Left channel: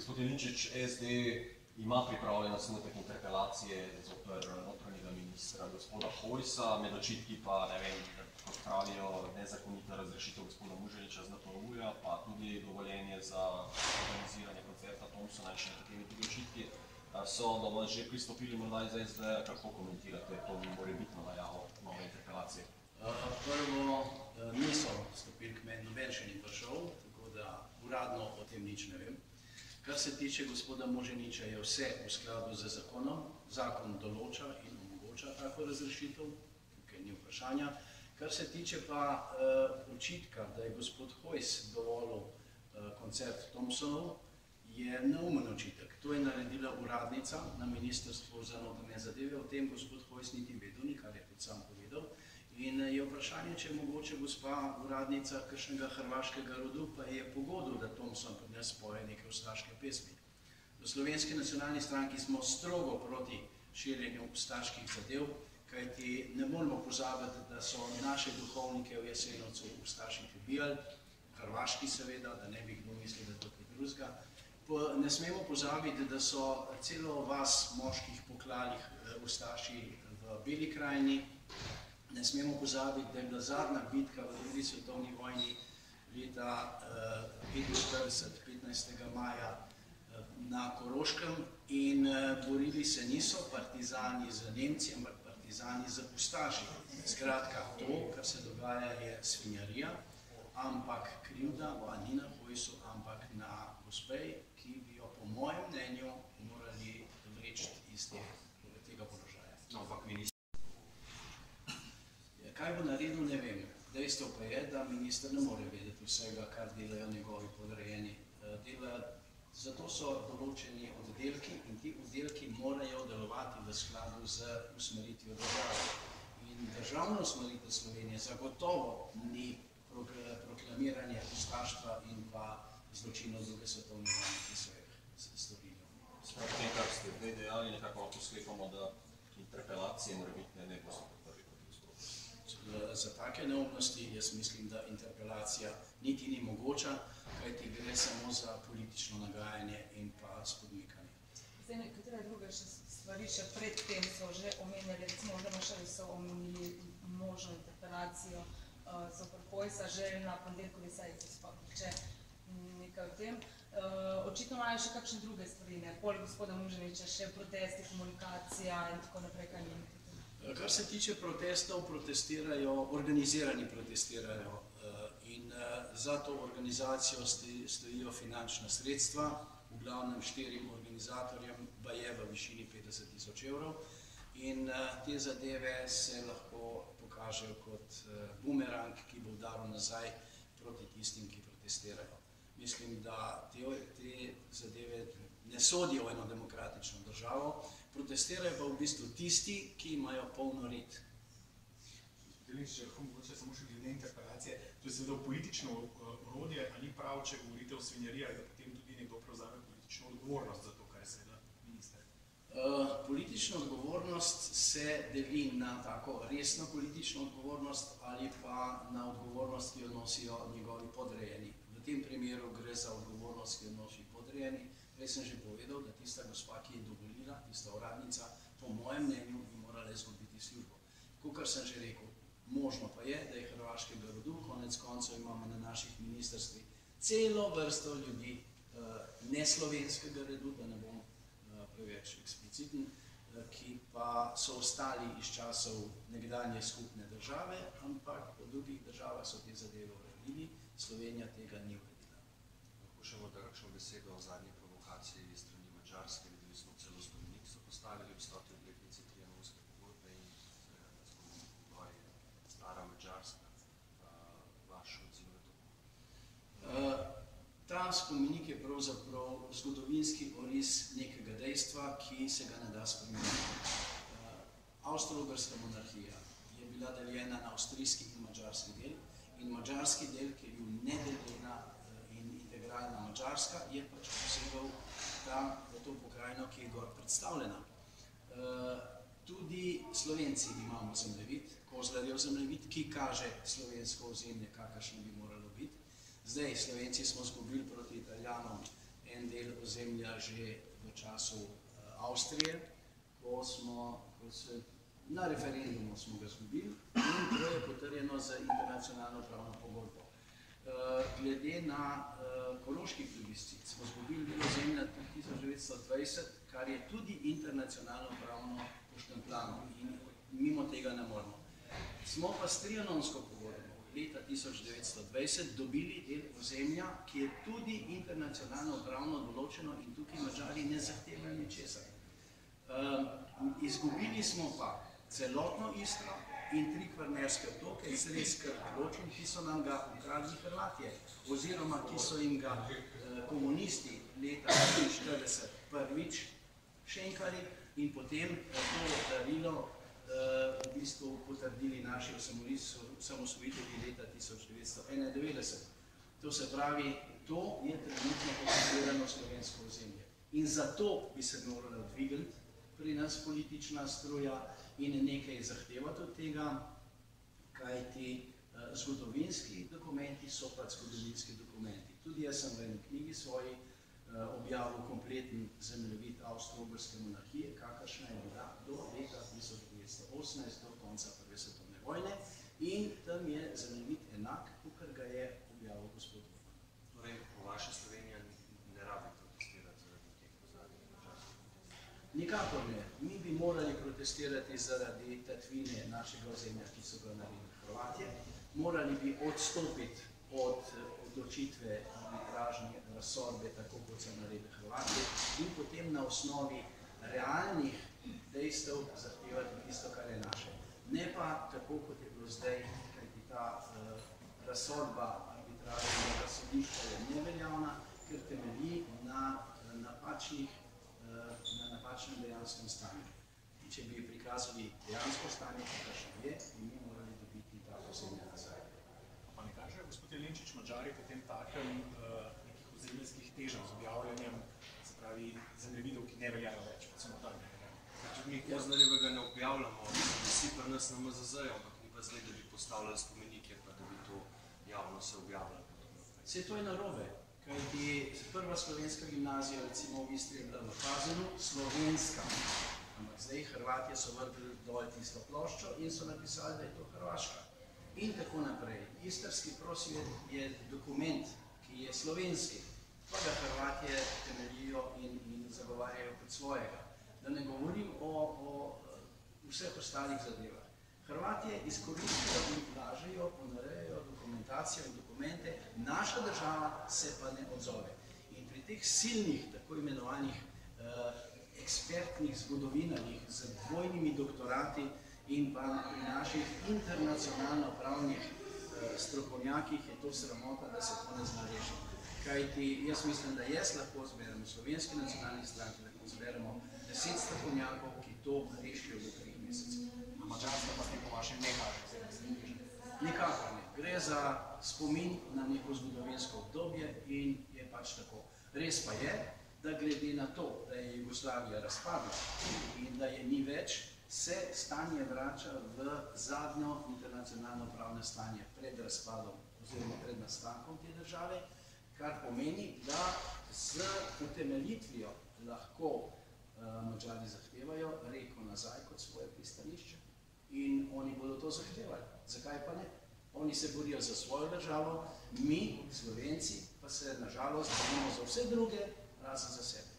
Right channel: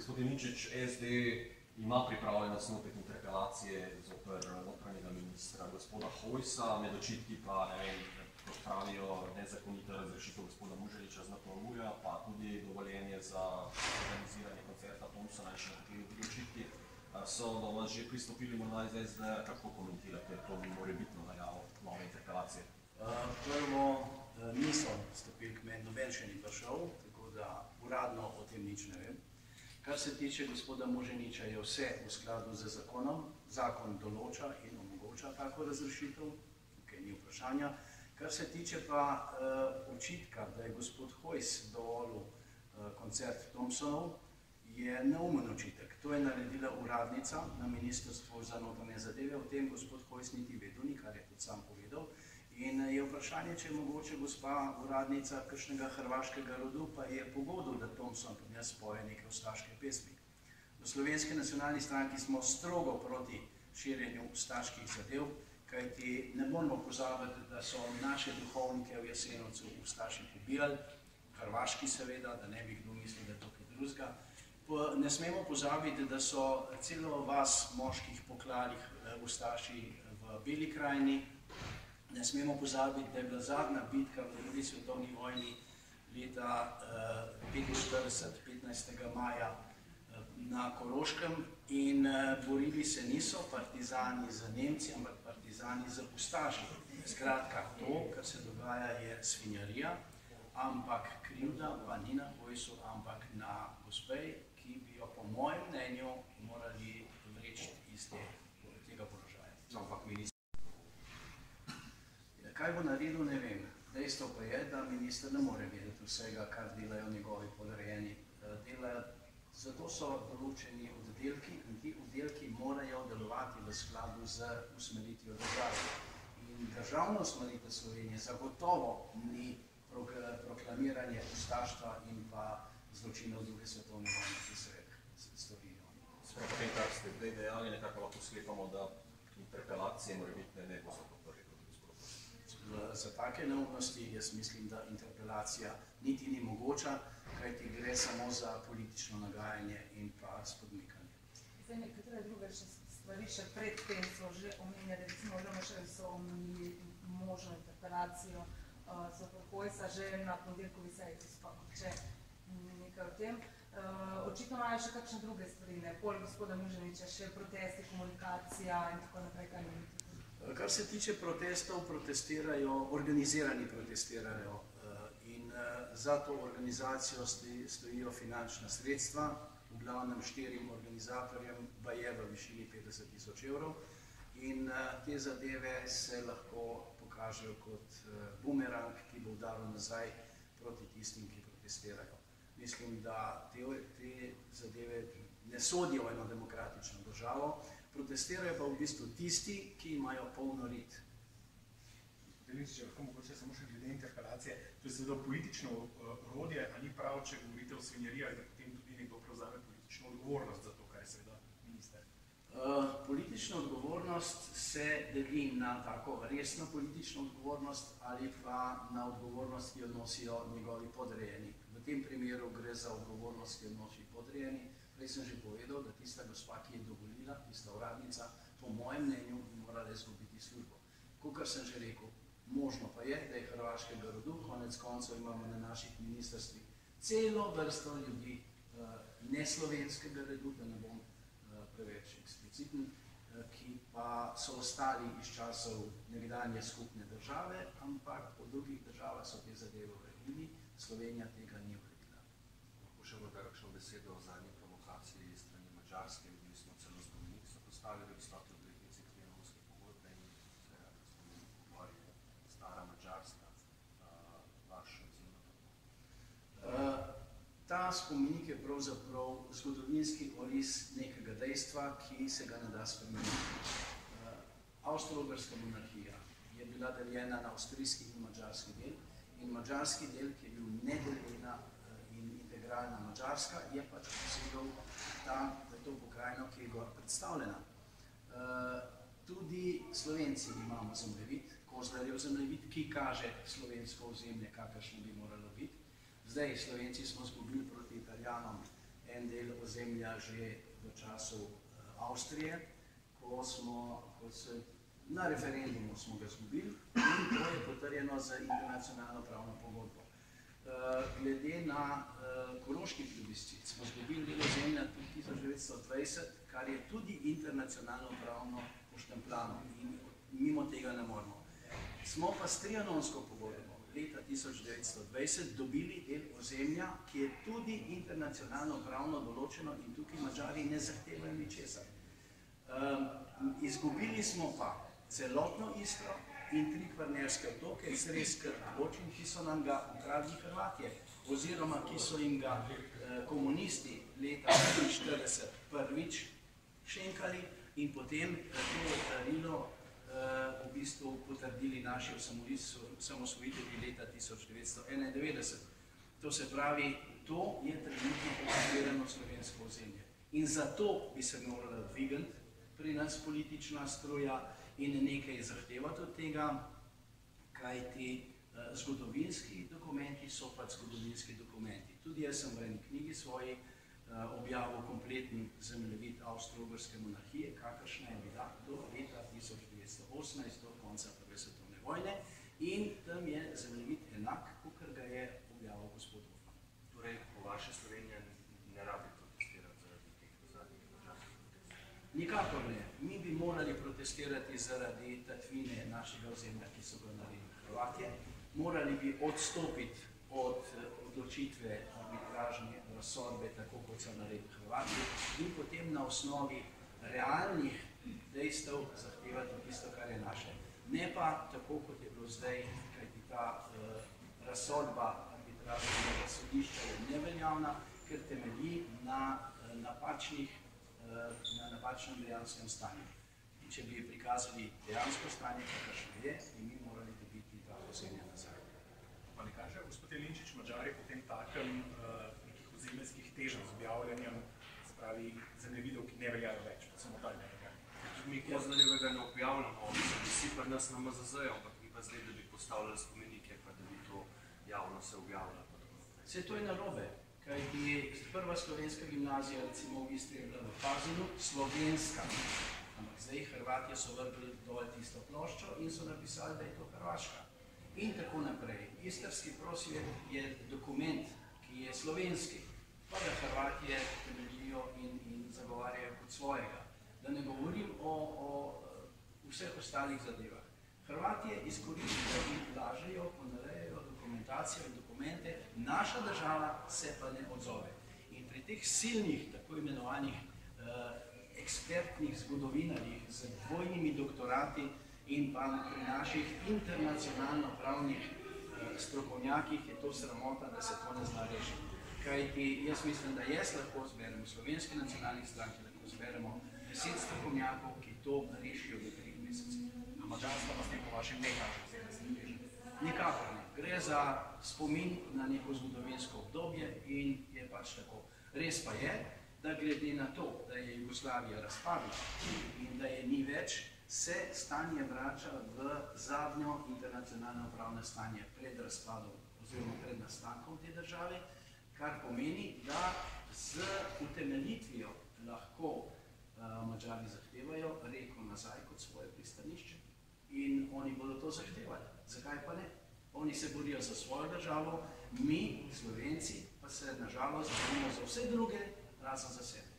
Gospod Jelinčič, SD ima pripravljen osnutek interpelacije zoper notranjega ministra gospoda Hojsa, med očitki pa, ne vem, kot pravijo, nezakonita razrešitev gospoda Muženiča z NPU-ja, pa tudi dovoljenje za organiziranje koncerta Thompsona in še nekateri drugi očitki. So do vas že pristopili morda iz SD, kako komentirate to morebitno najavo nove interpelacije? Prvo, niso stopili k meni, noben še ni prišel, tako da uradno o tem nič ne vem. Kar se tiče gospoda Muženiča, je vse v skladu z zakonom. Zakon določa in omogoča tako razrešitev, tukaj ni vprašanja. Kar se tiče pa očitka, da je gospod Hojs dovolil koncert Thompsonov, je neumen očitek. To je naredila uradnica na Ministrstvu za notranje zadeve, o tem gospod Hojs niti vedel ni, kar je tudi sam povedal. In je vprašanje, če je mogoče gospa uradnica kakšnega hrvaškega rodu, pa je pogodil, da Thompson pri nas poje neke ustaške pesmi. V Slovenski nacionalni stranki smo strogo proti širjenju ustaških zadev, kajti ne moramo pozabiti, da so naše duhovnike v Jasenovcu ustaši pobijali, hrvaški seveda, da ne bi kdo mislil, da je to kaj drugega. Ne smemo pozabiti, da so celo vas moških poklali ustaši v Beli krajini. Ne smemo pozabiti, da je bila zadnja bitka v drugi svetovni vojni leta 1945, 15. maja na Koroškem in borili se niso partizani z Nemci, ampak partizani z ustaši. Skratka, to, kar se dogaja, je svinjarija, ampak krivda pa ni na Hojsu, ampak na gospej, ki bi jo po mojem mnenju morali vreči iz tega položaja. Kaj bo naredil, ne vem. Dejstvo pa je, da minister ne more vedeti vsega, kar delajo njegovi podrejeni. Zato so določeni oddelki in ti oddelki morajo delovati v skladu z usmeritvijo države. In državna usmeritev Slovenije zagotovo ni proklamiranje ustaštva in pa zločinov druge svetovne vojne, ki so jih storili oni. Sprav po tem, kar ste zdaj dejali, nekako lahko sklepamo, da interpelacije morebitne ne boste podprli proti gospodu. Za take neumnosti jaz mislim, da interpelacija niti ni mogoča, kajti gre samo za politično nagajanje in pa spodmikanje. Zdaj, nekatere druge stvari še pred tem so že omenjali, recimo LMŠ so omenili možno interpelacijo zoper Hojsa že na ponedeljkovi seji, če nekaj o tem. Očitno imajo še kakšne druge stvari, poleg gospoda Muženiča, še protesti, komunikacija in tako naprej, kaj ne vidite? Kar se tiče protestov, protestirajo, organizirani protestirajo in za to organizacijo stojijo finančna sredstva, v glavnem 4 organizatorjem, pa je v višini 50 000 evrov in te zadeve se lahko pokažejo kot bumerang, ki bo udaril nazaj proti tistim, ki protestirajo. Mislim, da te zadeve ne sodijo v eno demokratično državo, protestirajo pa v bistvu tisti, ki imajo polno rit. Če lahko mogoče samo še glede interpelacije, to je seveda politično orodje, a ni prav, če govorite o svinjariji, da potem tudi nekdo prevzame politično odgovornost za to, kar je seveda minister. Politična odgovornost se deli na tako resno politično odgovornost ali pa na odgovornost, ki jo nosijo njegovi podrejeni. V tem primeru gre za odgovornost, ki jo nosi podrejeni. Prej sem že povedal, da tista gospa, ki je dovolila, tista uradnica, po mojem mnenju bi morala izgubiti službo. Kakor sem že rekel, možno pa je, da je hrvaškega rodu, konec koncev imamo na naših ministrstvih celo vrsto ljudi neslovenskega rodu, da ne bom preveč ekspliciten, ki pa so ostali iz časov nekdanje skupne države, ampak v drugih državah so te zadeve uredili, Slovenija tega ni uredila. Lahko še morda kakšno besedo o zadnji provokaciji strani Madžarske, videli smo celo spomenik, so postavili ob 100. obletnici Trianonske pogodbe in se spomenik v gori stara Madžarska. Vaš odziv na to? Ta spomenik je pravzaprav zgodovinski oris nekega dejstva, ki se ga ne da spremeniti. Avstro-Ogrska monarhija je bila deljena na avstrijski in madžarski del in madžarski del, ki je bil nedeljena in integralna Madžarska, je pač posegal to pokrajino, ki je gor predstavljena. Tudi Slovenci imamo zemljevid, Kozlarjev zemljevid, ki kaže slovensko ozemlje, kakršno bi moralo biti. Zdaj, Slovenci smo izgubili proti Italijanom en del ozemlja že v času Avstrije, ko se na referendumu smo ga izgubili in to je potrjeno z internacionalno pravno pogodbo. Glede na koroški plebiscit smo izgubili del ozemlja tudi 1920, kar je tudi internacionalno pravno poštempljano in mimo tega ne moremo. Smo pa s trianonsko pogodbo leta 1920 dobili del ozemlja, ki je tudi internacionalno pravno določeno in tukaj Madžari ne zahtevajo ničesar. Izgubili smo pa celotno Istro in 3 kvarnerske otoke, Cres, Krk, Ločin, ki so nam ga ukradli Hrvatje, oziroma ki so jim ga komunisti leta 1940 prvič šenkali in potem to darilo v bistvu potrdili naši osamosvojitelji leta 1991. To se pravi, to je trenutno okupirano slovensko ozemlje. In zato bi se morala dvigati pri nas politična struja in nekaj zahtevati od tega, kajti zgodovinski dokumenti so pač zgodovinski dokumenti. Tudi jaz sem v eni knjigi svoji objavil kompleten zemljevid Avstro-Ogrske monarhije, kakršna je bila do leta 1918, do konca Prve svetovne vojne, in tam je zemljevid enak, kakor ga je objavil gospod Hoffmann. Torej, po vaše Slovenija ne rabi protestirati zaradi teh zadnjih držav? Nikakor ne. Mi bi morali protestirati zaradi tatvine našega ozemlja, ki so ga naredili Hrvatje. Morali bi odstopiti od odločitve arbitražne razsodbe, tako kot so naredili Hrvatje, in potem na osnovi realnih dejstev zahtevati tisto, kar je naše. Ne pa tako, kot je bilo zdaj, kajti ta razsodba arbitražnega sodišča je neveljavna, ker temelji na napačnem dejanskem stanju. In če bi prikazali dejansko stanje, kakršno je, bi mi morali dobiti ta ozemlja nazaj. Pa ne kaže, gospod Jelinčič, Madžari potem takem nekih ozemeljskih težav z objavljanjem, se pravi, zemljevidov, ki ne veljajo več, pa samo dalj ne veljajo. Tudi mi Kozlarjevega ne objavljamo, vsi pri nas na MZZ-ju, ampak mi pa zdaj, da bi postavljali spomenike, pa da bi to javno se objavljalo. Vse to je narobe, kajti prva slovenska gimnazija, recimo v Istri, je bila v Pazinu, slovenska. Ampak zdaj Hrvatje so vrgli dol tisto ploščo in so napisali, da je to Hrvaška. In tako naprej. Istrski prosvet je dokument, ki je slovenski, pa da Hrvatje temeljijo in zagovarjajo kot svojega. Da ne govorim o vseh ostalih zadevah. Hrvatje izkoriščajo in lažejo, ponarejajo dokumentacijo in dokumente, naša država se pa ne odzove. In pri teh silnih, tako imenovanih ekspertnih zgodovinarjih z dvojnimi doktorati in pa pri naših internacionalno pravnih strokovnjakih je to sramota, da se to ne zna rešiti. Kajti jaz mislim, da jaz lahko zberemo, Slovenski nacionalni stranki lahko zberemo 10 strokovnjakov, ki to rešijo do 3 mesecev. A Madžarska pa s tem po vašem ne kaže vse teže? Nikakor ne. Gre za spomin na neko zgodovinsko obdobje in je pač tako. Res pa je, da glede na to, da je Jugoslavija razpadla in da je ni več, se stanje vrača v zadnjo internacionalno pravno stanje pred razpadom oziroma pred nastankom te države, kar pomeni, da z utemeljitvijo lahko Madžari zahtevajo reko nazaj kot svoje pristanišče. In oni bodo to zahtevali. Zakaj pa ne? Oni se borijo za svojo državo, mi, Slovenci, pa se nažalost borimo za vse druge, razen za sebe.